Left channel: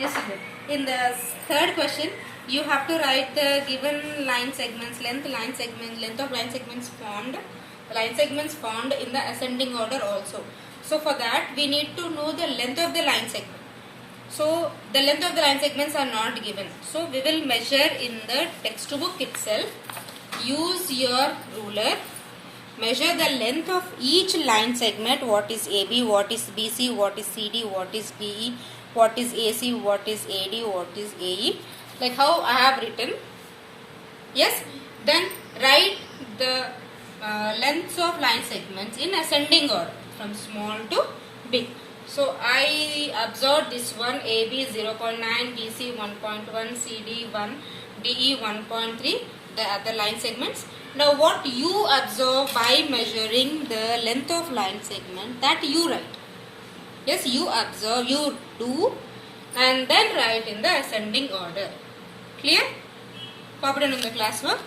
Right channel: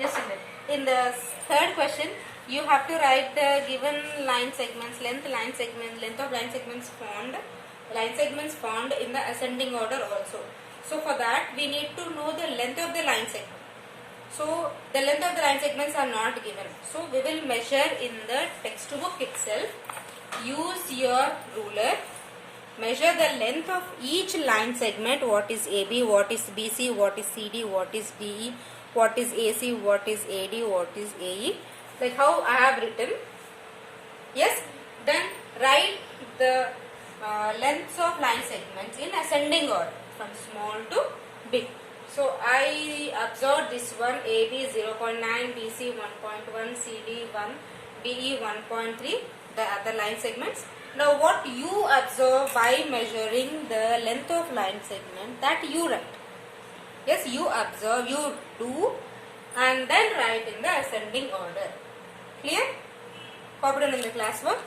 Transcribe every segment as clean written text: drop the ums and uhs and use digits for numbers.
Yes, sir. In the third question, you have to write the given line segments, length of line segments formed in the ascending order also. So for that, we need to know the length of the line segment. So the length of the line segments are not given. So we will measure in the textbook itself. Use your ruler. Measure the length of each line segment. What is AB, what is BC, what is CD, what is DE, what is AC, what is AD, what is AE. Like how I have written. Yes. Then write the lengths of line segments in ascending order from small to big. So I observed this one: AB 0.9, BC 1.1, CD 1, DE 1.3, the other line segments. Now what you observe by measuring the length of line segment, that you write. Yes, you observe, you do, and then write in the ascending order. Clear? Copied in the classwork.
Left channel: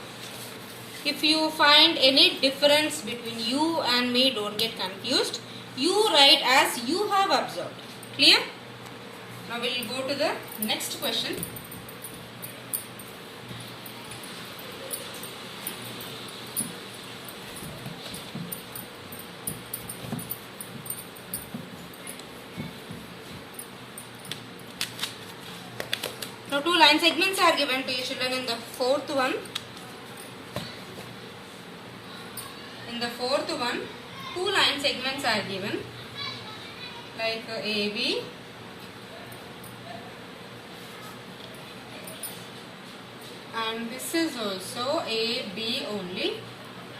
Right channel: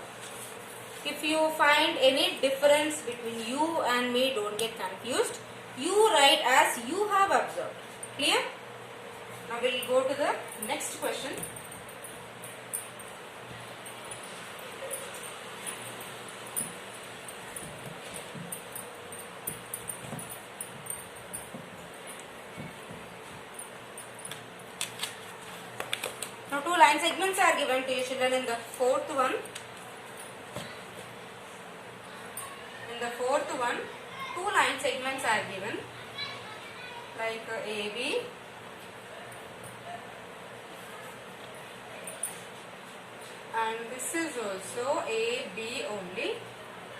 If you find any difference between you and me, don't get confused. You write as you have observed. Clear? Now we will go to the next question. Now two line segments are given to you children in the fourth one. In the fourth one, two line segments are given, like AB and this is also AB only.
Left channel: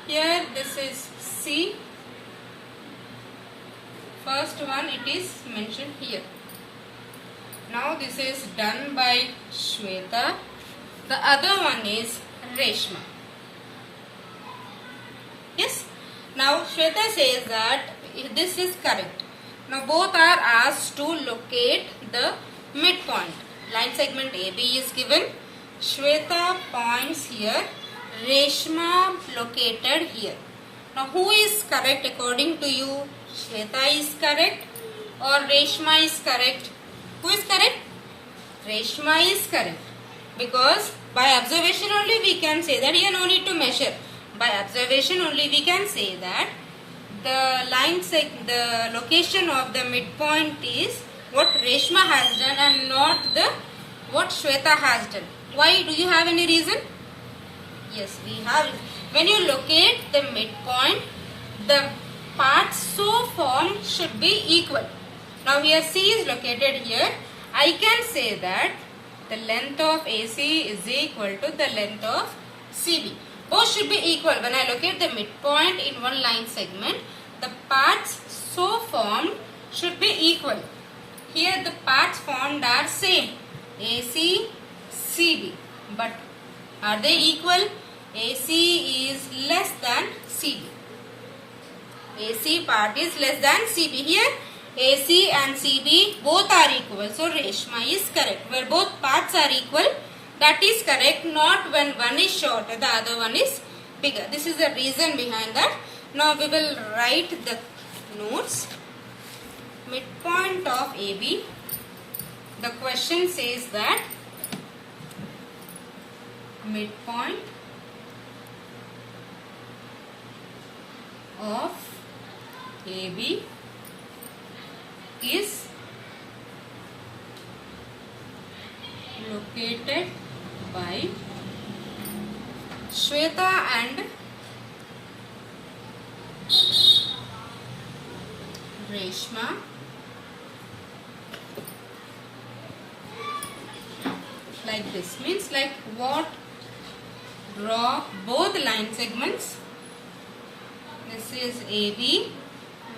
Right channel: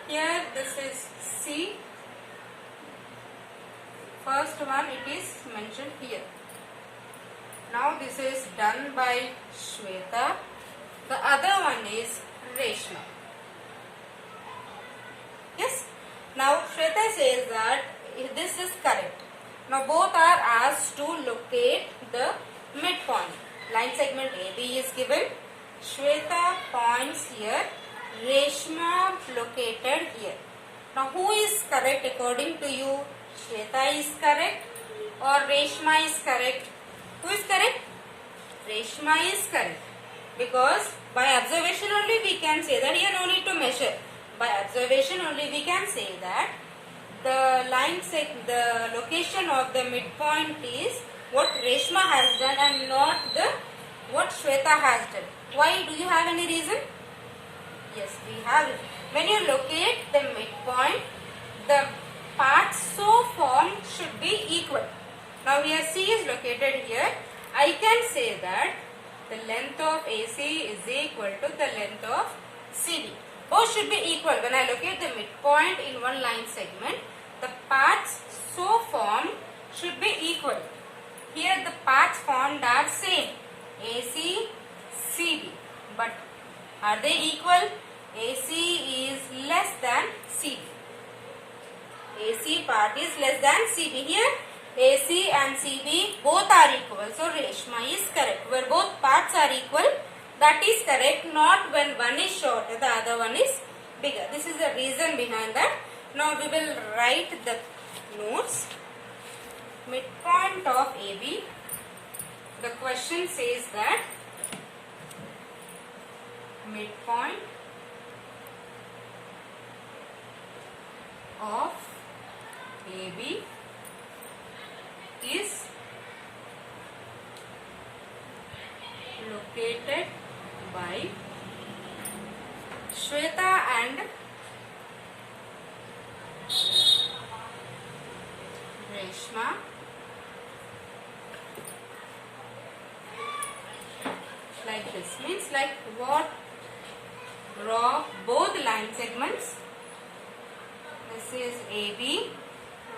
Here this is C. First one it is mentioned here. Now this is done by Shweta. The other one is Reshma. Yes. Now Shweta says that this is correct. Now both are asked to locate the midpoint. Line segment AB is given. Shweta points here. Reshma located here. Now who is correct according to you? Shweta is correct or Reshma is correct? Who is correct? Reshma is correct. Because by observation only we can say that here no need to measure. By observation only we can say that the location of the midpoint is what Reshma has done and not what Shweta has done. Why? Do you have any reason? Yes, we have it. When you locate the midpoint, the parts so formed should be equal. Now here C is located here. I can say that the length of AC is equal to the length of CB. Both should be equal. When I locate the midpoint in one line segment, the parts so formed should be equal. Here the parts formed are same, AC, CB. But are they equal? AC is less than CB. AC part is less than CB. Here AC and CB both are equal. So Reshma is correct. Where both parts are equal, that is correct. Not when one is shorter, the other one is bigger. This is the reason behind that. Now we will write the notes. Midpoint of AB. The question says that midpoint of AB is located by Shweta and Reshma like this. Means like what? Draw both line segments. This is AB,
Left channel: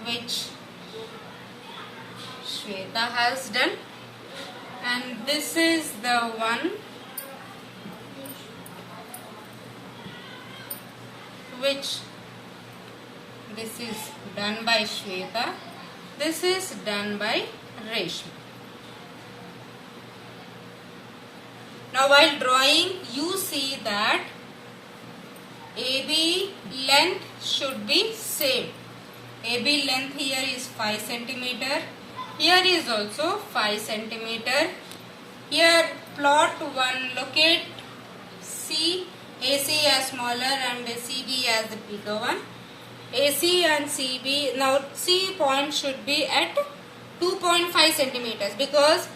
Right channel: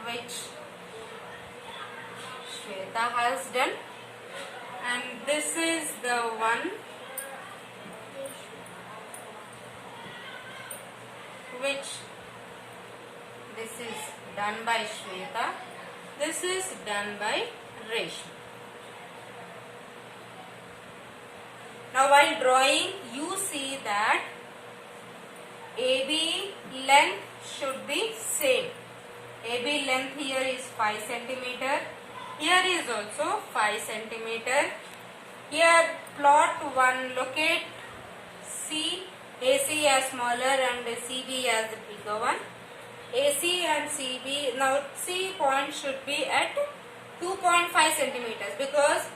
which Shweta has done, and this is the one which this is done by Shweta, this is done by Reshma. Now while drawing, you see that AB length should be same. AB length here is 5 centimeter. Here is also 5 centimeter. Here plot 1, locate C, AC as smaller and CB as the bigger one. AC and CB, now C point should be at 2.5 centimeters because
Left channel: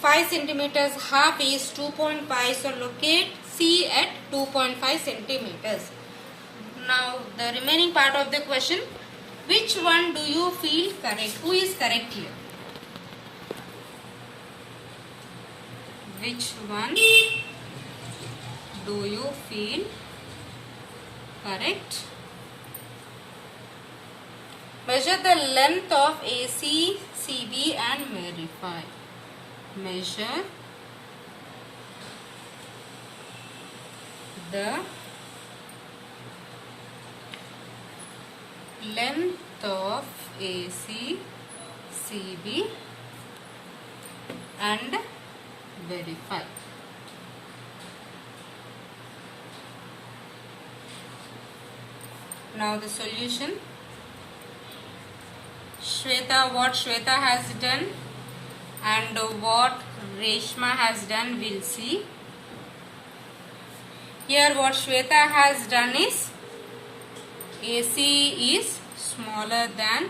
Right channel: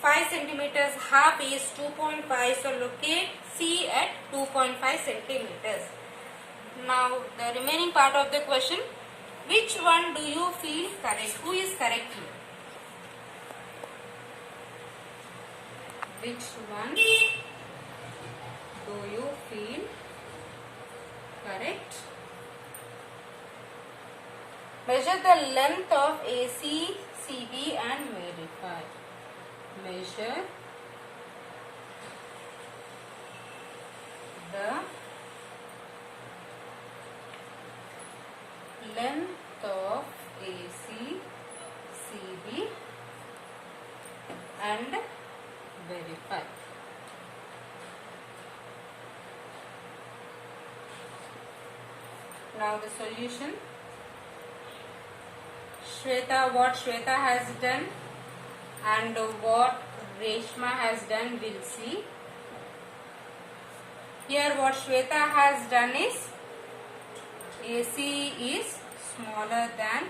5 centimeters half is 2.5, so locate C at 2.5 centimeters. Now the remaining part of the question, which one do you feel correct? Who is correct here? Which one do you feel correct? Measure the length of AC, CB and verify. Measure the length of AC, CB and verify. Now the solution. Shweta, what Shweta has done and what Reshma has done, we'll see. Here what Shweta has done is AC is smaller than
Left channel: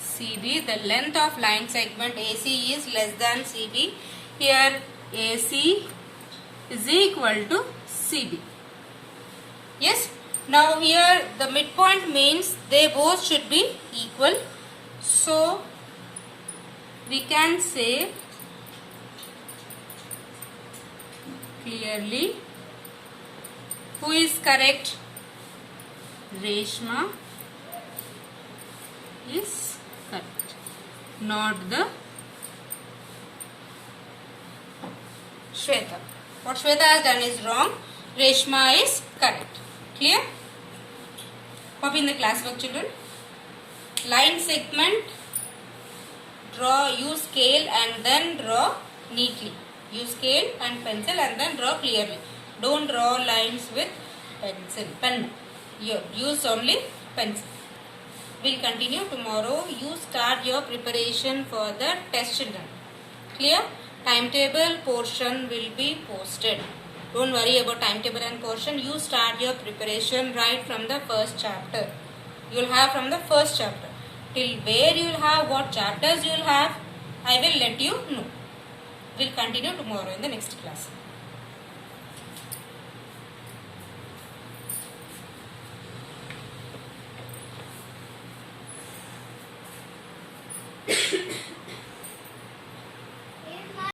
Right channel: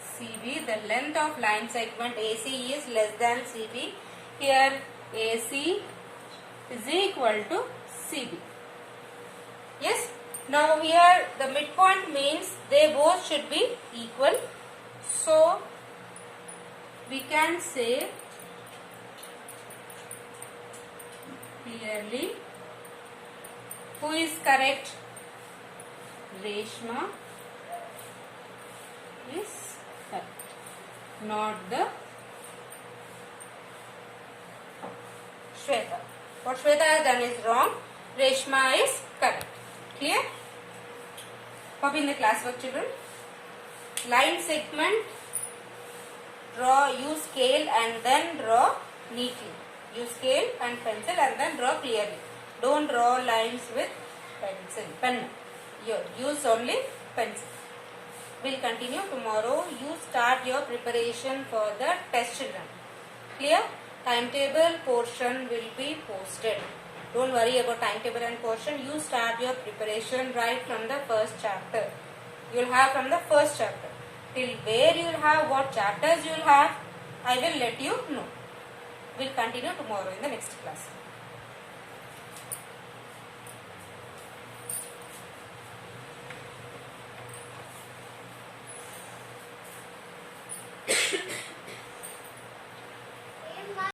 CB. The length of line segment AC is less than CB. Here AC is equal to CB. Yes. Now here the midpoint means they both should be equal. So we can say clearly who is correct? Reshma is correct, not the Shweta. What Shweta has done is wrong. Reshma is correct. Clear? Copy in the classwork, children. Line segment, draw, use scale and then draw neatly. Use scale and pencil and then draw clearly. Don't draw lines with pen. Use only pencil. We'll continue tomorrow. You start your preparation for the test, children. Clear? Timetable portion will be posted. Don't worry about timetable and portion. You start your preparation right from the first chapter. You will have from the first chapter. Till where you will have, what chapters you will have, I will let you know. We'll continue tomorrow in the next class.